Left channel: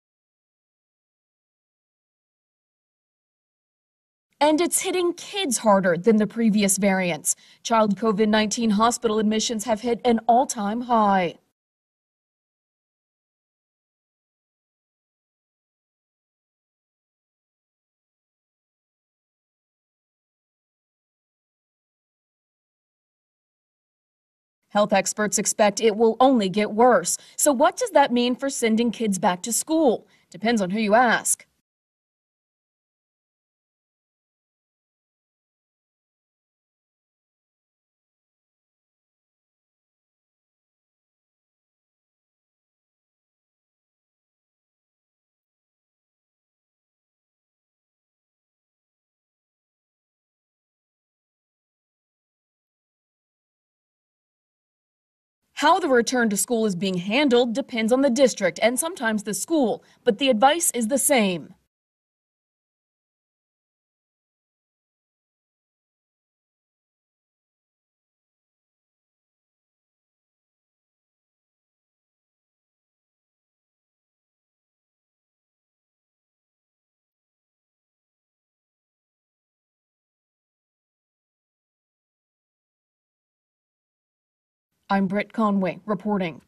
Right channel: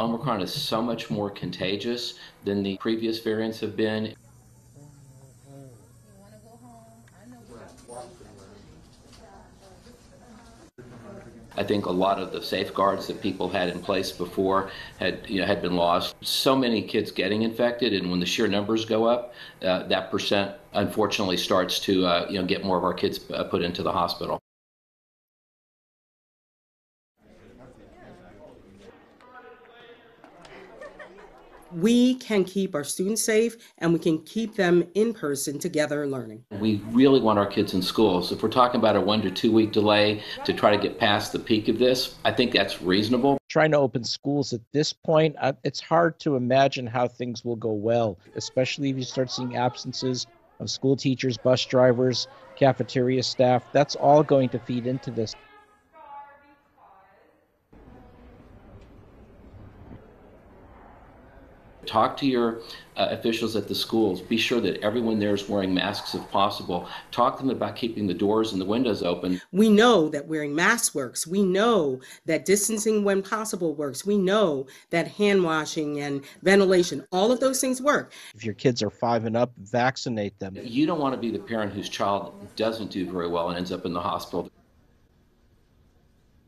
Omicron is so much more contagious than the previous variants have been. And it's hitting kids harder than the previous variants. Child COVID-19 hospital admissions have hit an all-time high. I think a lot of the safeguards that people had in place before had been lost. So many kids getting infected, and when the sheer numbers go up, that percent unfortunately starts to get more of our kids put into the hospital. Health experts expect it will only get worse. So what does that mean for sending kids back to school? Depends on who you ask. We can keep our students safe, and we can keep them in person together learning. We really want our kids in school. So if we're talking about a 1 to 2 week delay to try to get past the peak of this, I think that's reasonable. Trying to open schools at this point, it's hard to imagine how things will go well, especially if you start seeing absences of school teachers, bus drivers, cafeteria staff. That's all going to feed into this. How the return to school is being handled depends on the district and sometimes the school, but the advice is the same. Talk to your officials at the schools. Be sure that everyone there is wearing masks if possible. Talk to them about keeping the doors and the windows open. We know that wearing masks works. We know that distancing when possible works. We know that hand washing and ventilation, all of those things work. If your kids are 5 and up, vaccinate them. You don't want to be the parent whose child doesn't do very well and ends up in the hospital. I'm Britt Conway reporting.